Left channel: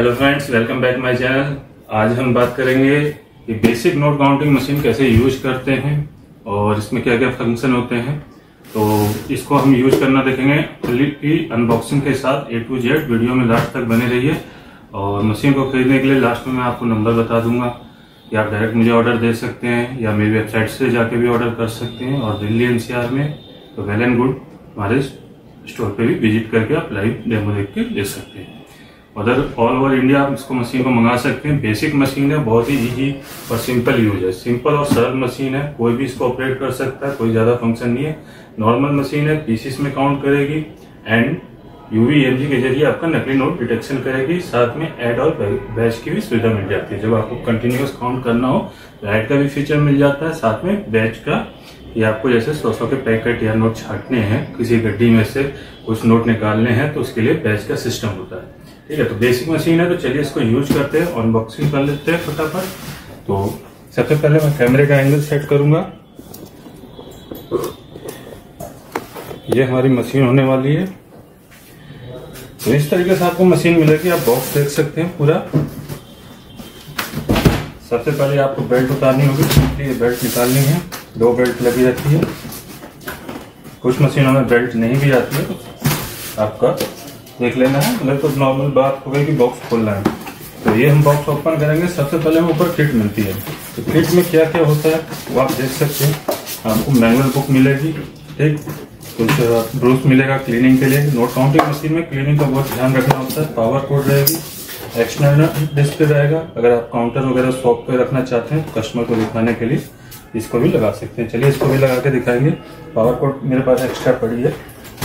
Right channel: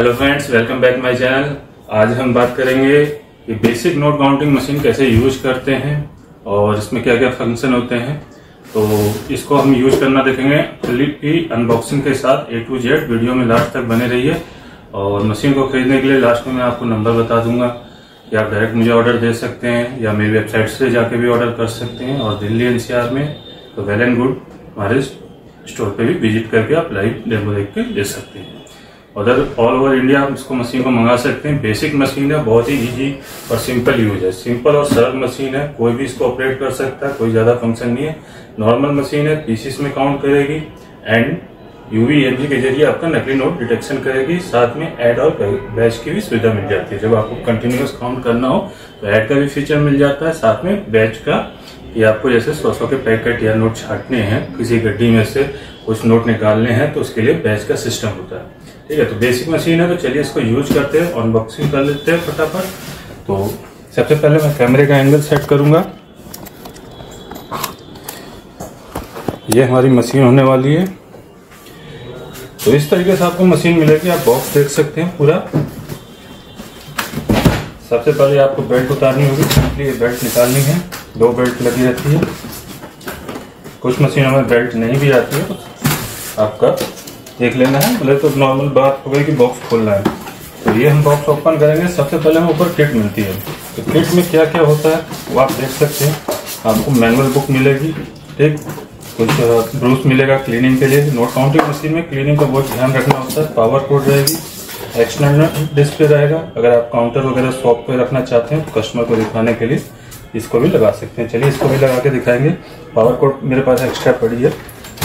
Hello friends, welcome back my channel. आज हम बात करेंगे कि बेसिक नोट काउंटिंग मशीन कैसे यूज करते हैं और इसमें क्या क्या फंक्शन होते हैं। तो इसको हम यूज करना देखेंगे फुल्ली अनबॉक्सिंग के साथ A to Z। वीडियो में लास्ट तक बने रहिए। और मशीन को खरीदने के लिए लास्ट में मैं आपको नंबर बता दूंगा कि आप डायरेक्ट मुझे ऑर्डर दे सकते हैं या मेरी वेबसाइट से जाके भी ऑर्डर कर सकते हैं। और दिल्ली NCR में तो वेल एंड गुड हमारे स्टोर पे भी विजिट करके आप लाइव डेमो देख के ले सकते हैं। उधर ऑल ओवर इंडिया आप इसको मशीन को मंगा सकते हैं। बेसिक मशीन है, बहुत ही इजी और सिंपल यूज है। सिंपल और सरल मशीन है, कोई भी इसको ऑपरेट कर सकता है, कोई ज्यादा फंक्शन नहीं है। नॉर्मल मशीन है, पीसीस में काउंट करेगी एंड UV-EMG के जरिए आपका नकली नोट डिटेक्शन करेगी। साथ में ऐड और बैच की भी सुविधा मिल जाती है। जब आपको कंटिन्यूअस काउंट करना हो तो ऐड का भी फीचर मिल जाता है, साथ में बैच का। ये आपको जैसे 100 के पैकेट या नोट छाटने हैं, किसी गड्डी में से कुछ नोट निकालने हैं, तो उसके लिए बैच का सिस्टम होता है। ठीक है, तो बेसिक मशीन है, तो चलिए इसको यूज करते हैं, अनबॉक्सिंग कर लेते हैं फटाफट। तो सबसे पहले मैं कैमरे का एंगल सेट करूंगा। ये हमारी मशीन होने वाली है। तो इस तरीके से आपको मशीन मिलेगी। आप बॉक्स देख सकते हैं पूरा। सबसे पहले आपको बेल्ट उतारनी होगी। बेल्ट निकाल लेंगे। 2 बेल्ट लगी रहती है। कुछ मशीनों में बेल्ट नहीं भी आती है, आपका देख लेना है। पहले तो नॉर्मल बात हो गई कि बॉक्स खोलना है। तो ये हम बॉक्स ओपन करेंगे। सबसे पहले हमें ऊपर किट मिलती है। तो किट में क्या क्या होता है वो आप देख सकते हैं। आपको मैनुअल बुक मिलेगी, ठीक, कुछ ब्रूस मिलेगा क्लीनिंग के लिए। नोट काउंटिंग मशीन में क्लीनिंग का बहुत ध्यान रखना होता है। पावर कोड रहेगी, एक्सटर्नल डिस्प्ले रहेगा। अगर आप काउंटर वगैरह शॉप पे रखना चाहते हैं कस्टमर को दिखाने के लिए इसको भी लगा सकते हैं। चलिए इसको भी लगा के दिखाएंगे। पावर कोड मेरे पास एक्स्ट्रा पड़ी है,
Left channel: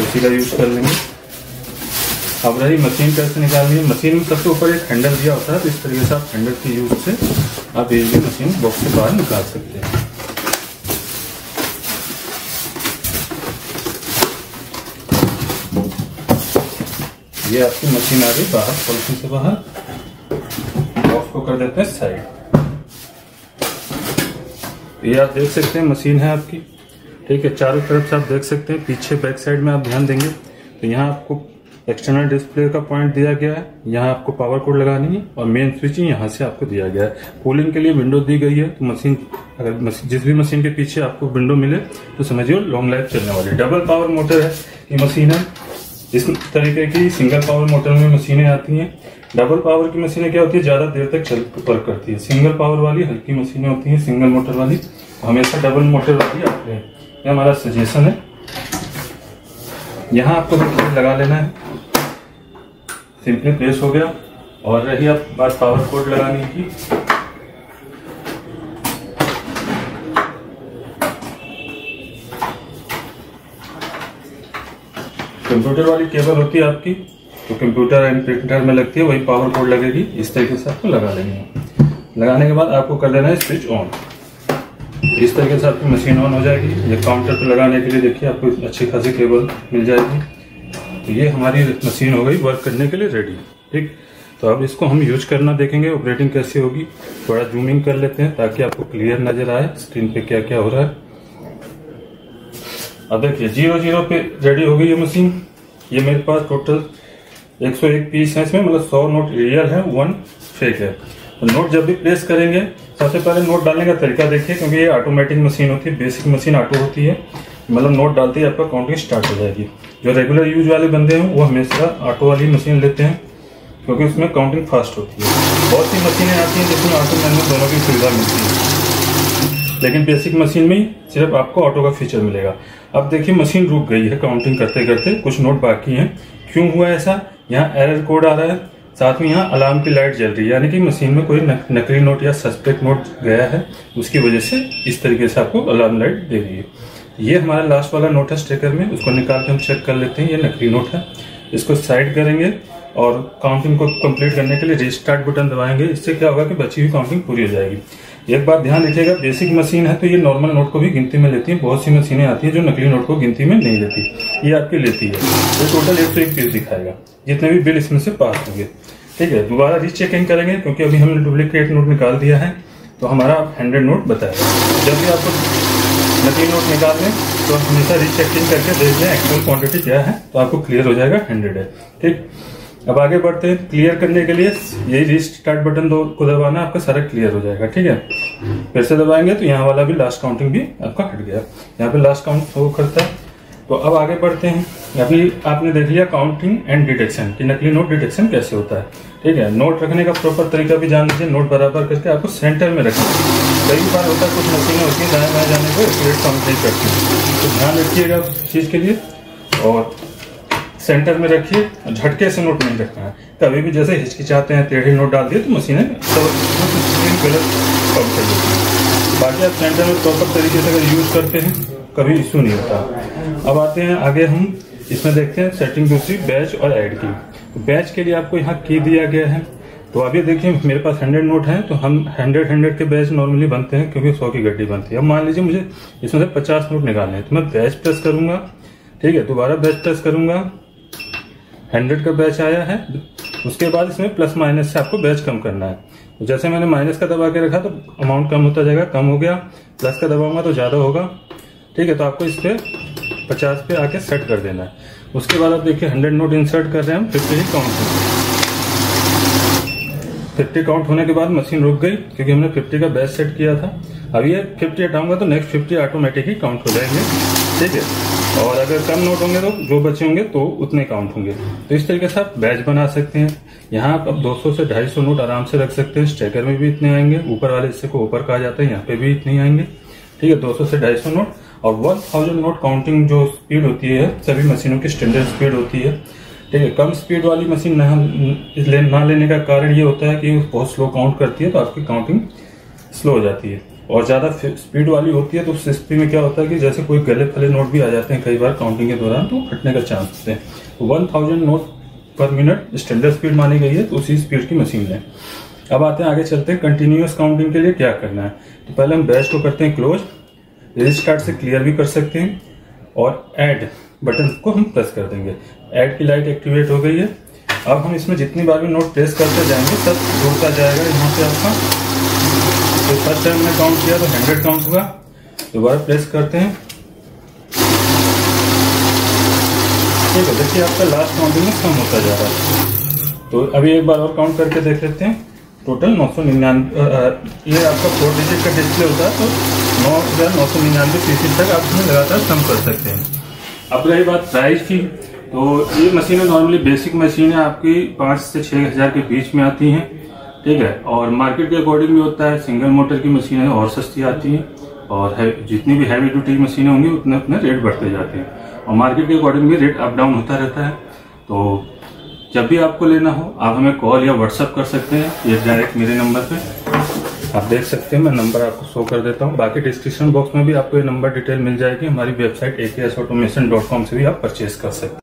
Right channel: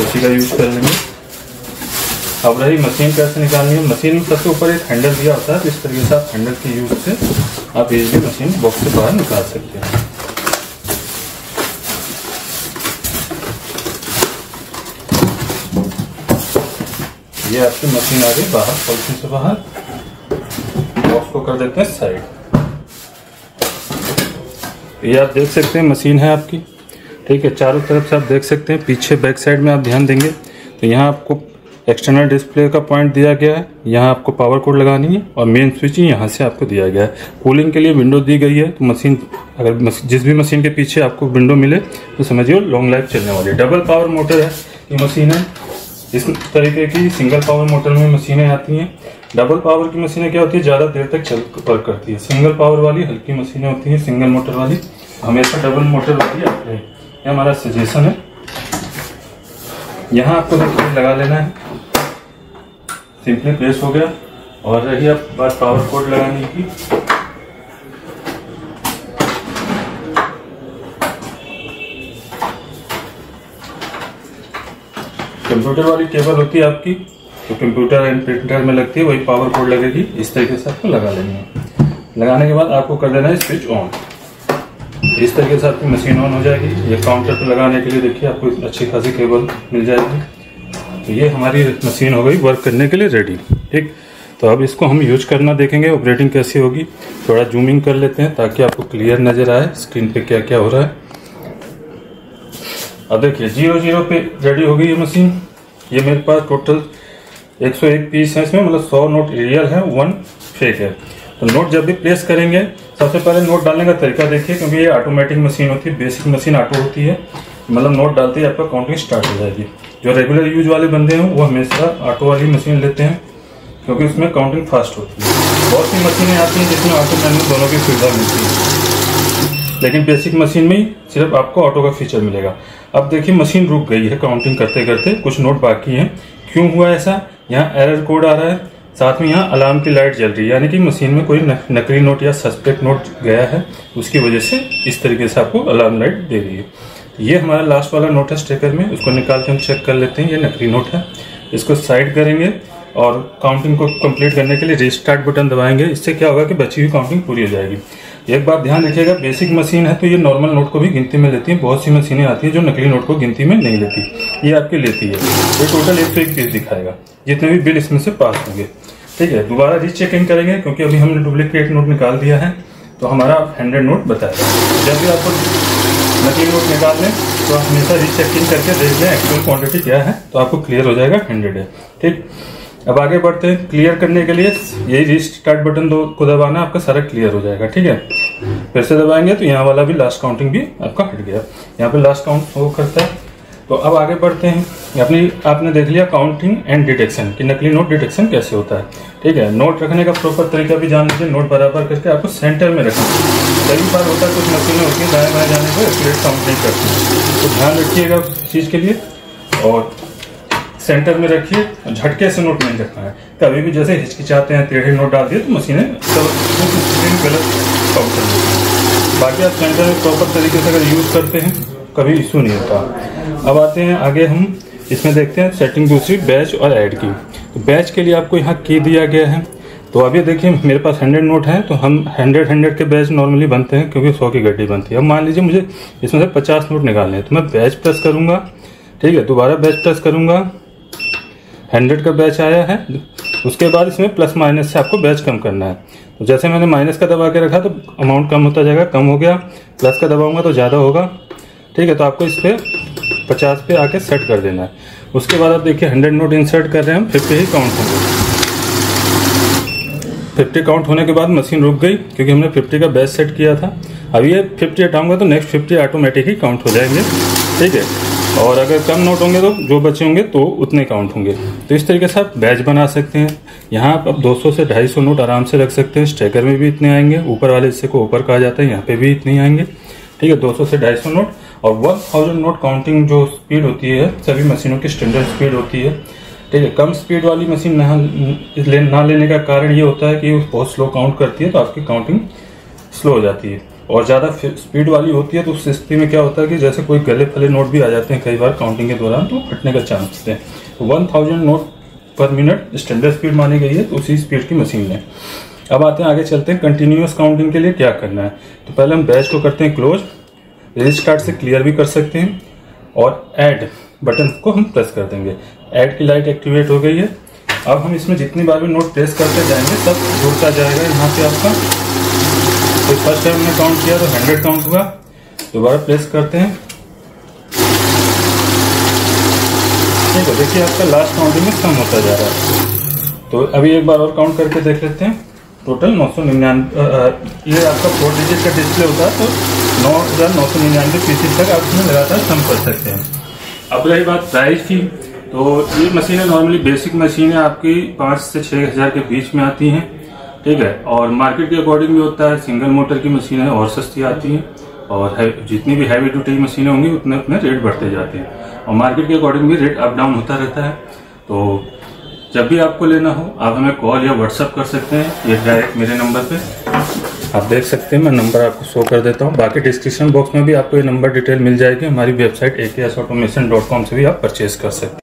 उसी का यूज कर लेंगे। अब रही मशीन कैसे निकालनी है। मशीन में सबसे ऊपर एक हैंडल दिया होता है। तो इस तरीके से आप हैंडल के यूज से आप इजीली मशीन बॉक्स से बाहर निकाल सकते हैं। ये आपकी मशीन आ गई बाहर, पॉलिथीन से बाहर। बॉक्स को कर देते हैं साइड। ये आप देख सकते हैं मशीन है आपकी, ठीक है। चारों तरफ से आप देख सकते हैं। पीछे बैक साइड में आप ध्यान देंगे तो यहाँ आपको एक्सटर्नल डिस्प्ले का पॉइंट दिया गया है। यहाँ आपको पावर कोड लगानी है और मेन स्विच यहाँ से आपको दिया गया है। कूलिंग के लिए विंडो दी गई है। तो मशीन अगर जिस भी मशीन के पीछे आपको विंडो मिले तो समझिए लॉन्ग लाइफ चलने वाली है। डबल पावर मोटर है ये मशीन है। इस तरीके की सिंगल पावर मोटर में मशीनें आती हैं। डबल पावर की मशीनें क्या होती है, ज्यादा देर तक वर्क करती है। सिंगल पावर वाली हल्की मशीनें होती हैं, सिंगल मोटर वाली हमेशा डबल मोटर वाली आती है। ये हमारा सजेशन है। यहाँ आपको लगा लेना है, सिंपली प्रेस हो गया। और रही आप बात पावर कोड लगाने की। कंप्यूटर वाली केबल होती है आपकी, तो कंप्यूटर एंड प्रिंटर में लगती है, वही पावर कोड लगेगी। इस तरीके से आपको लगा लेना है। लगाने के बाद आपको कर लेना है स्विच ऑन। इस तरीके से आपकी मशीन ऑन हो जाएगी। ये काउंटर पर लगाने के लिए देखिए आपको अच्छी खासी केबल मिल जाएगी। तो ये हमारी मशीन हो गई वर्क करने के लिए रेडी, ठीक। तो अब इसको हम यूज करना देखेंगे, ऑपरेटिंग कैसी होगी। थोड़ा जूमिंग कर लेते हैं ताकि आपको क्लियर नजर आए स्क्रीन पे क्या क्या हो रहा है। अब देखिए 0-0 पे रेडी हो गई ये मशीन। ये मेरे पास टोटल 101 पीस है इसमें, मतलब 100 नोट रियल है, 1 फेक है। तो नोट जब भी प्रेस करेंगे सबसे पहले नोट डालने का तरीका देखिए, क्योंकि ये ऑटोमेटिक मशीन होती है। बेसिक मशीन ऑटो होती है, मतलब नोट डालते ही आपका काउंटिंग स्टार्ट हो जाएगी। जो रेगुलर यूज वाले बंदे हैं वो हमेशा ऑटो वाली मशीन लेते हैं, क्योंकि उसमें काउंटिंग फास्ट होती है। बहुत सी मशीनें आती हैं जिसमें ऑटो मैनुअल दोनों की सुविधा मिलती है, लेकिन बेसिक मशीन में ही सिर्फ आपको ऑटो का फीचर मिलेगा। अब देखिए मशीन रुक गई है काउंटिंग करते करते, कुछ नोट बाकी हैं। क्यों हुआ ऐसा, यहाँ एरर कोड आ रहा है, साथ में यहाँ अलार्म की लाइट जल रही है, यानी कि मशीन में कोई नकली नोट या सस्पेक्ट नोट गया है, उसकी वजह से इस तरीके से आपको अलार्म लाइट दे रही है। ये हमारा लास्ट वाला नोट है स्टिकर में, उसको निकाल के हम चेक कर लेते हैं। ये नकली नोट है, इसको साइड करेंगे और काउंटिंग को कंप्लीट करने के लिए रिस्टार्ट बटन दबाएंगे। इससे क्या होगा कि बची हुई काउंटिंग पूरी हो जाएगी। एक बात ध्यान रखिएगा, बेसिक मशीन है तो ये नॉर्मल नोट को भी गिनती में लेती है। बहुत सी मशीनें आती हैं जो नकली नोट को गिनती में नहीं लेती, ये आपके लेती है। ये टोटल 101 पीस दिखाएगा, जितने भी बिल इसमें से पास होंगे, ठीक है। दोबारा रीचेक इन करेंगे क्योंकि अभी हमने डुप्लीकेट नोट निकाल दिया है, तो हमारा 100 नोट बताएगा। जब भी आपको नकली नोट निकाल लें तो हमेशा रीचेक इन करके देख लें एक्चुअल क्वांटिटी क्या है, तो आपको क्लियर हो जाएगा 100 है, ठीक। अब आगे बढ़ते हैं। क्लियर करने के लिए यही रीस्टार्ट बटन को दबाना, आपका सारा क्लियर हो जाएगा। ठीक है, फिर से दबाएंगे तो यहाँ वाला भी लास्ट काउंटिंग भी आपका हट गया। यहाँ पे लास्ट काउंट शो करता है। तो अब आगे बढ़ते हैं। आपने देख लिया काउंटिंग एंड डिटेक्शन कि नकली नोट डिटेक्शन कैसे होता है। ठीक है, नोट रखने का प्रॉपर तरीका भी जान लीजिए। नोट बराबर करके आपको सेंटर में रखना। कई बार होता है कुछ मशीनें होती है दाएं बाएं जाने को एक्यूरेट काउंट नहीं करती, तो ध्यान रखिएगा उस चीज के लिए। और सेंटर में रखिए, झटके से नोट नहीं रखना है। कभी भी जैसे हिचकिचाते हैं टेढ़े नोट डाल दिए तो मशीनें गलत काउंट कर देती है। बाकी आप सेंटर में प्रॉपर तरीके से अगर यूज करते हैं कभी इशू नहीं होता। अब आते हैं आगे, हम इसमें देखते हैं सेटिंग दूसरी बैच और ऐड की। तो बैच के लिए आपको यहाँ की दिया गया है। तो अभी देखिए मेरे पास 100 नोट हैं, तो हम 100 के बैच नॉर्मली बनते हैं क्योंकि 100 की गड्डी बनती है। अब मान लीजिए मुझे इसमें से 50 नोट निकालने हैं, तो मैं बैच प्रेस करूंगा। ठीक है, दोबारा बैच प्रेस करूंगा, 100 का बैच आया है। उसके बाद इसमें प्लस माइनस से आपको बैच कम करना है। तो जैसे मैंने माइनस का दबा के रखा तो अमाउंट कम होता जाएगा, कम हो गया। प्लस का दबाऊंगा तो ज्यादा होगा। ठीक है, तो आपको इस पे 50 पे आके सेट कर देना है। उसके बाद आप देखिए 100 नोट इंसर्ट कर रहे हैं हम, 50 ही काउंट होंगे। 50 काउंट होने के बाद मशीन रुक गई क्योंकि हमने 50 का बैच सेट किया था। अब ये 50 हटाऊंगा तो नेक्स्ट 50 ऑटोमेटिक ही काउंट हो जाएंगे। ठीक है, और अगर कम नोट होंगे तो जो बचे होंगे तो उतने काउंट होंगे। तो इस तरीके से आप बैच बना सकते हैं। यहाँ आप 200 से 250 नोट आराम से रख सकते हैं। स्ट्राइकर में भी इतने आएंगे, ऊपर वाले हिस्से को ऊपर कहा जाता है, यहाँ पे भी इतने आएंगे। ठीक है, 200 से 250 नोट और 1000 नोट काउंटिंग जो स्पीड होती है सभी मशीनों की स्टैंडर्ड स्पीड होती है। ठीक है, कम स्पीड वाली मशीन ना लेने का कारण ये होता है कि वो बहुत स्लो काउंट करती है, तो आपकी काउंटिंग स्लो हो जाती है। और ज्यादा स्पीड वाली होती है तो उस स्थिति में क्या होता है कि जैसे कोई गले फले नोट भी आ जाते हैं कई बार काउंटिंग के दौरान, तो फटने का चांस होते हैं। 1000 नोट पर मिनट स्टैंडर्ड स्पीड मानी गई है, तो उसी स्पीड की मशीन है। अब आते हैं आगे चलते हैं कंटिन्यूअस काउंटिंग के लिए क्या करना है। तो पहले हम बैच को करते हैं क्लोज, रीस्टार्ट से क्लियर भी कर सकते हैं, और ऐड बटन को हम प्रेस कर देंगे। ऐड की लाइट एक्टिवेट हो गई है। अब हम इसमें जितनी बार भी नोट प्रेस करते जाएंगे सब जुड़ता जाएगा यहाँ पे आपका। तो फर्स्ट टाइम में काउंट किया तो 100 काउंट हुआ, दोबारा प्रेस करते हैं। ठीक है, देखिए आपका लास्ट काउंटिंग में कम होता जा रहा है। तो अभी एक बार और काउंट करके देख लेते हैं। टोटल 999, ये आपका 4 डिजिट का डिस्प्ले होता है, तो 9,999 पीसेस तक आप इसमें लगातार कम कर सकते हैं। अब रही बात प्राइस की, तो ये मशीनें नॉर्मली बेसिक मशीन है आपकी 5 से 6 हजार के बीच में आती हैं। ठीक है, और मार्केट के अकॉर्डिंग भी होता है। सिंगल मोटर की मशीनें और सस्ती आती हैं, और जितनी भी हैवी ड्यूटी मशीनें होंगी उतने उतने रेट बढ़ते जाते हैं, और मार्केट के अकॉर्डिंग में रेट अप डाउन होता रहता है। तो जब भी आपको लेना हो आप हमें कॉल या व्हाट्सएप कर सकते हैं, ये डायरेक्ट मेरे नंबर पे आप देख सकते हैं। मैं नंबर आपको शो कर देता हूँ। बाकी डिस्क्रिप्शन बॉक्स में भी आपको ये नंबर डिटेल मिल जाएगी। हमारी वेबसाइट aksautomation.com से भी आप परचेज कर सकते हैं।